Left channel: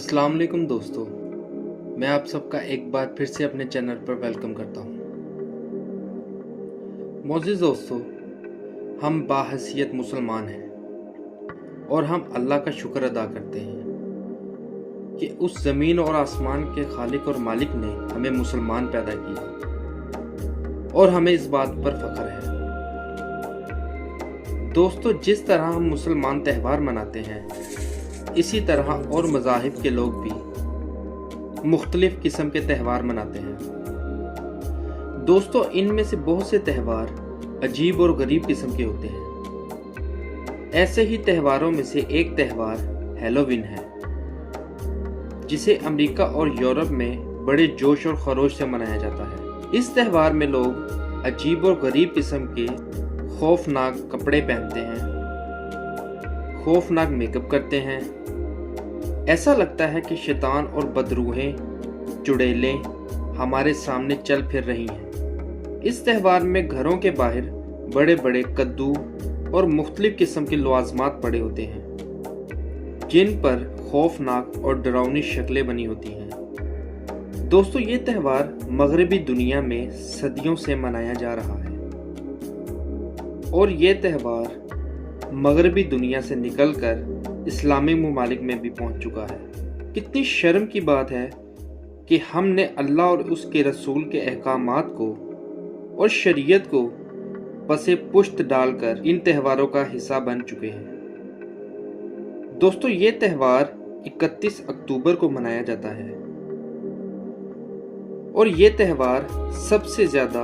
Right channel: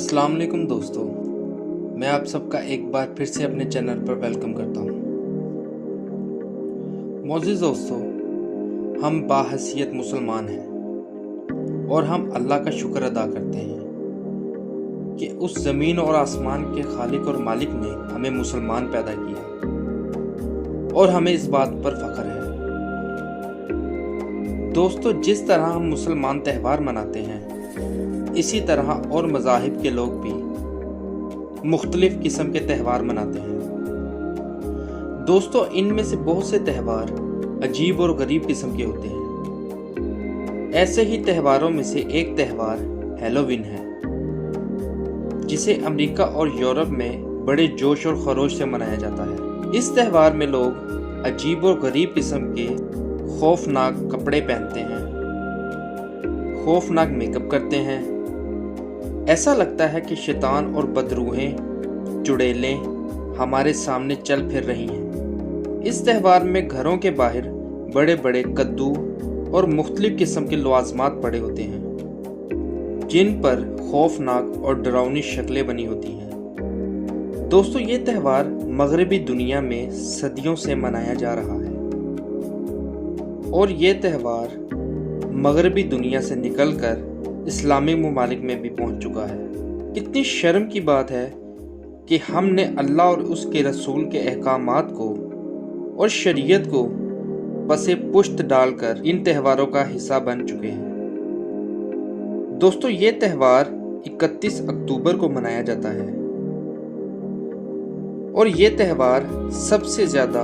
अस्सलाम वालेकुम दोस्तों, मैं आप सबका एक बार फिर से अपने चैनल पर वेलकम करता हूँ। मोअज़्ज़िज़ दोस्तों, हम बाहैसियत मुसलमान हैं और हम अल्लाह का शुक्र अदा करते हैं कि उस ज़मीन और आसमान के खालिक और मालिक ने हमें मुसलमान पैदा किया और हमें इस बात पर फ़ख्र है। दोस्तों, जिस तरह हम मुसलमान त्यौहार मनाते हैं, इसी तरह और मज़ाहिब के लोग भी मुख्तलिफ़ किस्म के त्यौहार मनाते हैं। दोस्तों, इनमें से बहुत से त्यौहार अजीब और गरीब किस्म के होते हैं। ऐसे ही त्यौहारों में से एक त्यौहार हैलोवीन है, जिसे अमेरिका और यूरोप में बड़े जोश और खरोश से मनाया जाता है। इस त्यौहार में लोग अजीब और गरीब किस्म के खौफनाक कपड़े पहनते हैं, खौफनाक मेकअप करते हैं। ऐसा लगता है कि शैतान और बदरूहें चुड़ैलें हमारे सामने चल फिर रही हैं। इस त्यौहार में घरों के बाहर बड़े बड़े कद्दू और मुख्तलिफ किस्म के लवाजमात पड़े होते हैं, जिन पर खौफनाक और डरावनी शक्लें बनी होती हैं। दोस्तों, ये त्यौहार मगरबी दुनिया में सदियों से मनाया जा रहा है और ये त्यौहार मगरबी दुनिया से निकलकर इस्लामी ममालिक में भी पहुंच चुका है। कितनी शर्म की बात है कि हमने अल्लाह और उसके रसूल के अहकामात को और शरीयत को पसे पुश्त डालकर इन त्यौहारों का हिस्सा बन चुके हैं। दोस्तों, ये त्यौहार 31 अक्टूबर को मनाया जाता है और ये त्यौहार सबसे ज़्यादा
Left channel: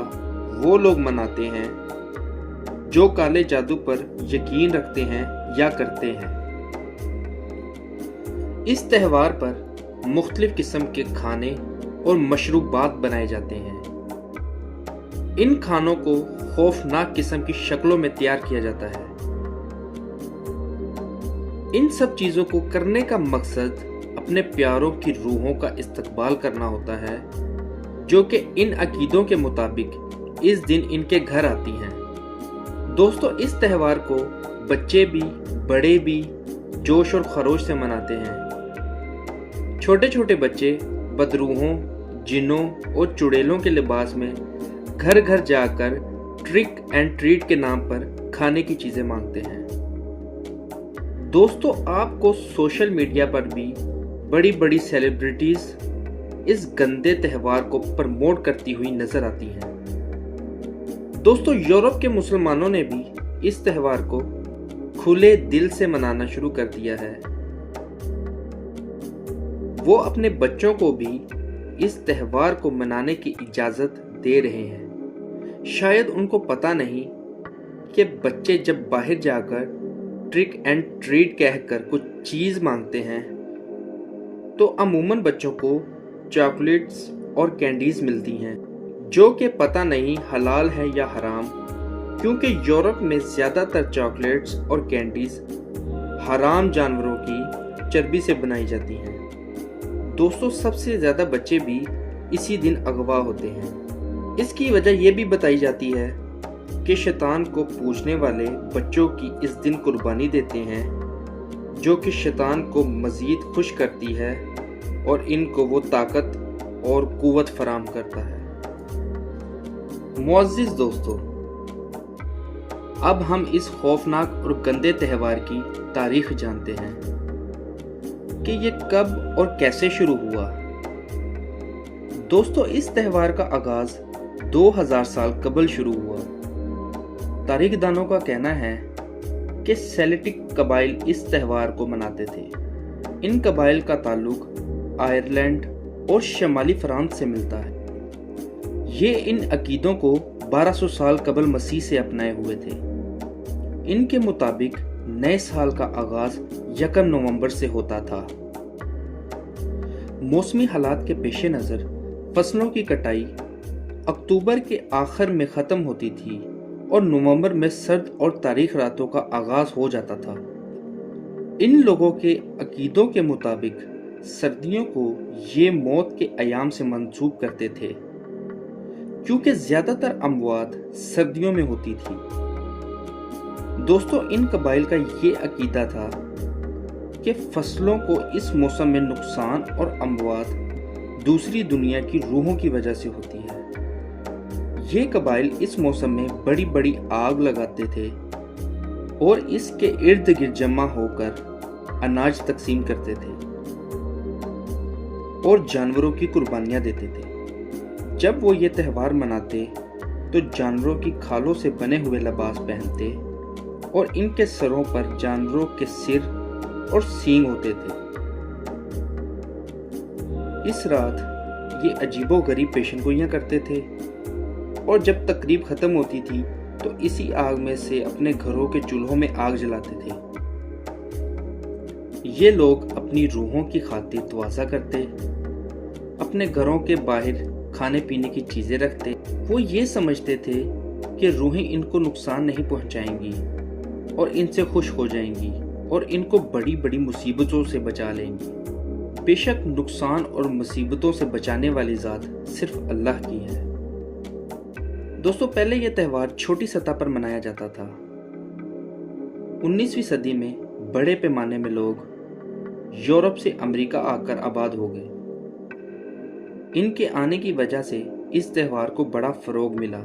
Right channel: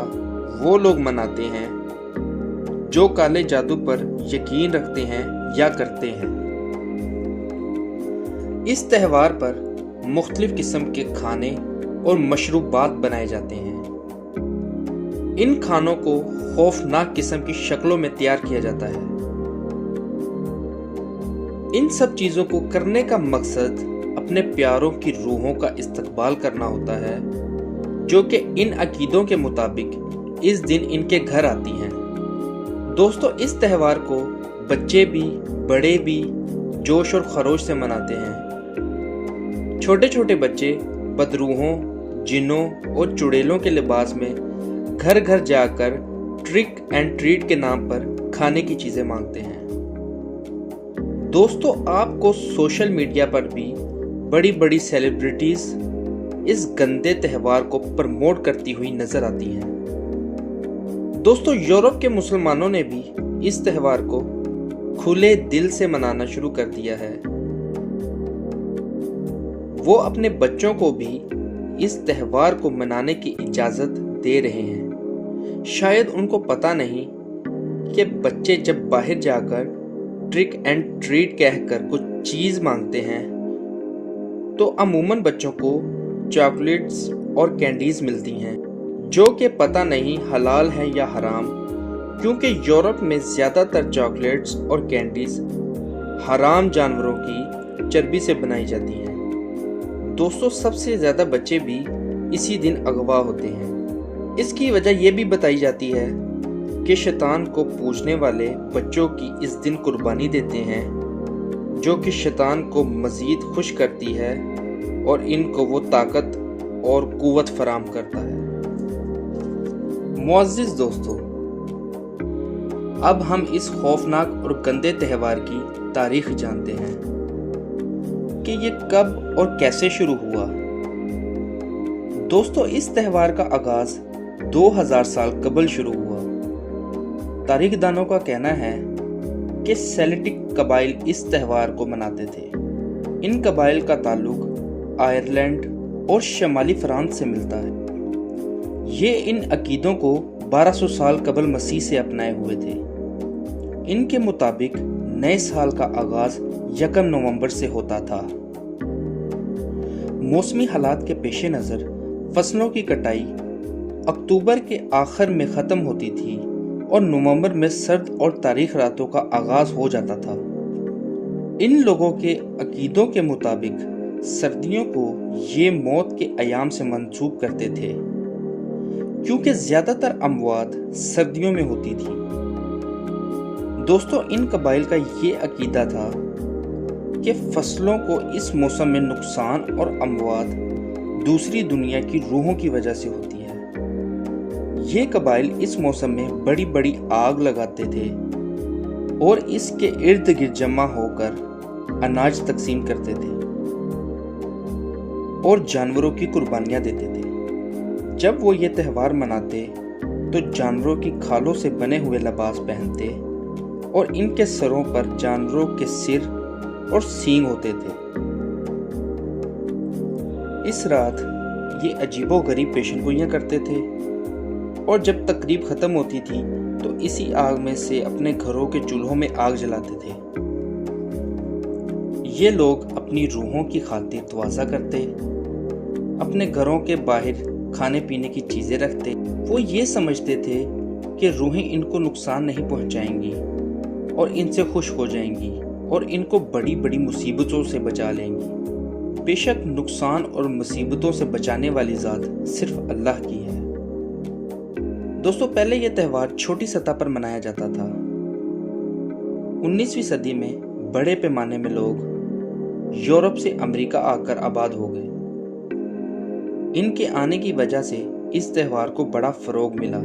वो लोग मनाते हैं जो काले जादू पर यकीन रखते हैं या करते हैं। इस त्यौहार पर मुख्तलिफ किस्म के खाने और मशरूबात बनाए जाते हैं। इन खानों को खौफनाक किस्म की शक्लों में तैयार किया जाता है। इन सब चीज़ों को करने का मकसद अपने प्यारों की रूहों का इस्तकबाल करना होता है, जो कि इन अकीदों के मुताबिक इस दिन इनके घर आती हैं। दोस्तों, इस त्यौहार को बच्चे भी बड़े भी जोश और खरोश से मनाते हैं। छोटे छोटे बच्चे बदरूहों, जिन्नों और चुड़ैलों के लिबास में घर घर जाकर ट्रिक एंड ट्रीट के नाम पर खाने की चीज़ें मांगते हैं। दोस्तों, आपको सोशल मीडिया पर भी बड़ी बड़ी सेलिब्रिटीज़ इस गंदे त्यौहार को प्रमोट करती हुई नजर आती हैं। दोस्तों, यूरोप के मुसलमानों ने भी इस त्यौहार को खुले दिल से मनाना शुरू कर दिया है। वो अपने बच्चों को भी इस त्यौहार को मनाने की इजाज़त दे रहे हैं। शायद उनको पता नहीं कि बच्चे जब बाहर जाकर ट्रिक एंड ट्रीट कहकर कुछ चीज़ मांगते हैं तो अमूमन बच्चों को चॉकलेट्स और कैंडीज़ मिलती हैं, जो कि पता नहीं हलाल है या हराम, क्योंकि यूरोप में ज़्यादातर चॉकलेट्स और कैंडीज़ हराम जानवरों की चर्बी से बनाई जाती हैं। दोस्तों, सबसे ज़्यादा बच्चे भी इसी दिन अगवा होते हैं। इसकी वजह यह भी बताई जाती है कि शैतान को पूजने वाले बच्चों की इस दिन कुर्बानी देते हैं, जो कि शैतान को मज़ीद खुश करती है और इनको वो ताकत और कुव्वत फराम करता है। मुअज़्ज़िज़ दोस्तों, अब हम इस खौफनाक और गंदे त्यौहार की तारीख जानते हैं कि ये कब और कैसे शुरू हुआ। दोस्तों, इस त्यौहार का आगाज 2000 साल कबल शुरू हुआ। तारीखदानों का कहना है कि सेल्टिक कबाइल इस त्यौहार को मनाते थे। इन कबाइल का ताल्लुक आयरलैंड और शमाली फ्रांस से मिलता है। ये इन अकीदों को 1200 साल कबल मसीह से अपनाए हुए थे। इनके मुताबिक नए साल का आगाज 1 नवंबर से होता था। मौसमी हालात के पेश नज़र फसलों की कटाई अक्टूबर के आखिर में ख़त्म होती थी और नवंबर में सर्द और तारीख रातों का आगाज हो जाता था। इन लोगों के अकीदों के मुताबिक सर्दियों को ये मौत के अयाम से मंसूब करते थे, क्योंकि ज़्यादातर अमवात सर्दियों में होती थी। दोस्तों, इन कबाइल का ये अकीदा था کہ فصلوں کو اس موسم میں نقصان اور اموات دوسری دنیا کی روحوں کی وجہ سے ہوتی ہے۔ یہ قبائل اس موسم میں بڑی بڑی آگ لگاتے تھے اور اس کے ارد گرد جمع ہو کر اناج تقسیم کرتے تھے اور جانوروں کی قربانیاں دیتے تھے۔ جب وہ یہ تہوار مناتے تو جانوروں کی کھالوں سے بنے ہوئے لباس پہنتے اور ان کے سروں پر جانوروں کے سر اور سینگ ہوتے تھے۔ اس رات یہ عجیب و غریب پیشن گوئیاں کرتے تھے اور جب تقریب ختم ہوتی تھی تو اسی آگ میں سے اپنے گھروں کے چولہوں میں آگ جلاتے تھے۔ یہ لوگ اپنی روحوں کی خاطر توازہ کرتے، اپنے گھروں کے باہر کھانے پینے کی چیزیں رکھتے۔ وہ یہ سمجھتے تھے کہ روحیں ان کو نقصان نہیں پہنچائیں گی اور ان سے خوش ہو جائیں گی اور ان کو بڑی بڑی مصیبتوں سے بچا لیں گی۔ بے شک نقصان اور مصیبتوں سے بچانے والی ذات صرف اللہ کی ہے۔ دوستو، پہلے یہ تہوار چھوٹی سطح پر منایا جاتا تھا۔ 19ویں صدی میں بڑے پیمانے میں لوگ یورپ سے امریکہ آ کر آباد ہو گئے۔ ان کے آنے کی وجہ سے اس تہوار کو بڑا فروغ ملا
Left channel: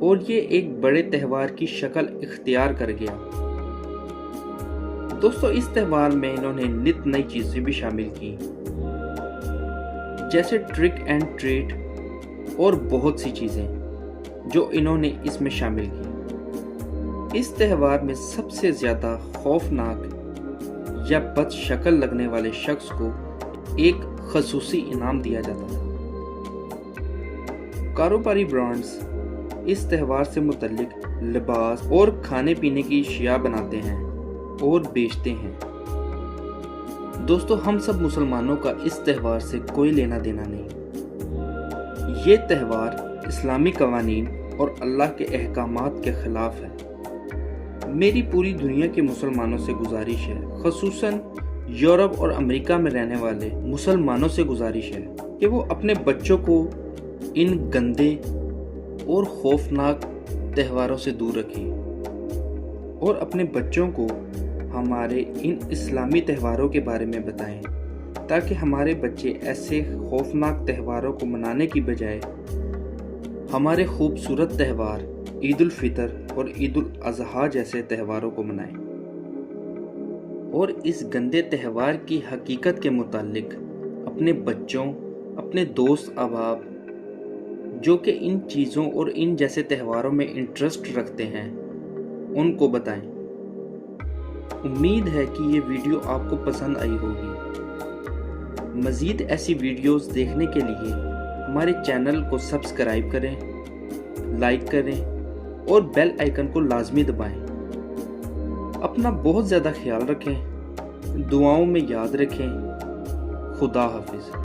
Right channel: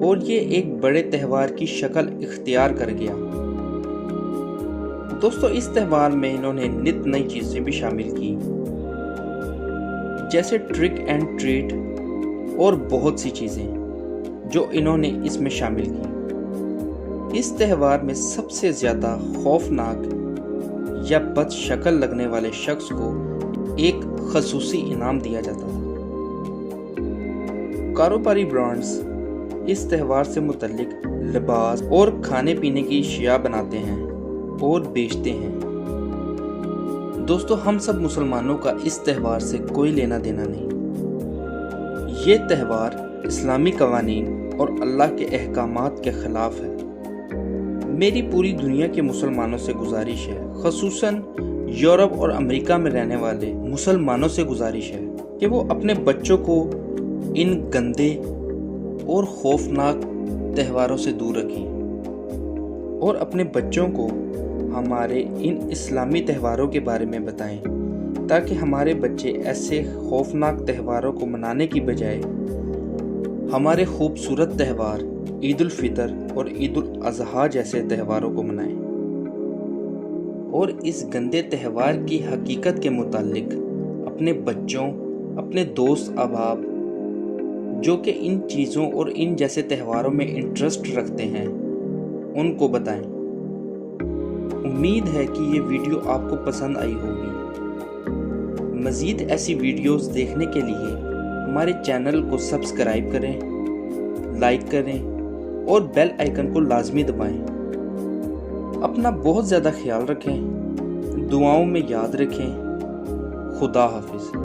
اور یہ ایک بڑے تہوار کی شکل اختیار کر گیا۔ دوستو، اس تہوار میں انہوں نے نت نئی چیزیں بھی شامل کی، جیسے ٹرک اینڈ ٹریٹ اور بہت سی چیزیں جو انہوں نے اس میں شامل کی۔ اس تہوار میں سب سے زیادہ خوفناک یا بد شکل لگنے والے شخص کو ایک خصوصی انعام دیا جاتا تھا۔ کاروباری برانڈز اس تہوار سے متعلق لباس اور کھانے پینے کی اشیاء بناتے ہیں اور بیچتے ہیں۔ دوستو، ہم سب مسلمانوں کا اس تہوار سے کوئی لینا دینا نہیں۔ یہ تہوار اسلامی قوانین اور اللہ کے احکامات کے خلاف ہے۔ میری پوری دنیا کے مسلمانوں سے گزارش ہے، خصوصاً یورپ اور امریکہ میں رہنے والے مسلمانوں سے گزارش ہے کہ وہ اپنے بچوں کو ان گندے اور خوفناک تہواروں سے دور رکھیں اور اپنے بچوں کو ہمارے ان اسلامی تہواروں کے بارے میں بتائیں، تاکہ ہمارے بچے ایسے خوفناک تہواروں کو منانے کی بجائے ہمارے خوبصورت تہوار عید الفطر اور عید الاضحیٰ جیسے تہواروں کو منائیں اور اس گندے تہوار کی حقیقت کے متعلق اپنے بچوں، اپنے دوست احباب جو کہ ان چیزوں اور ان جیسے تہواروں میں انٹرسٹ رکھتے ہیں ان کو بتائیں۔ امید ہے کہ یہ ویڈیو آپ کو پسند آئی ہوگی۔ مزید ایسی ویڈیوز دیکھنے کے لیے ہمارے چینل کو سبسکرائب کریں، لائک کریں اور بیل آئیکن کو لازمی دبائیں۔ اپنا بہت زیادہ خیال رکھیں، دعاؤں میں یاد رکھیں۔ خدا حافظ۔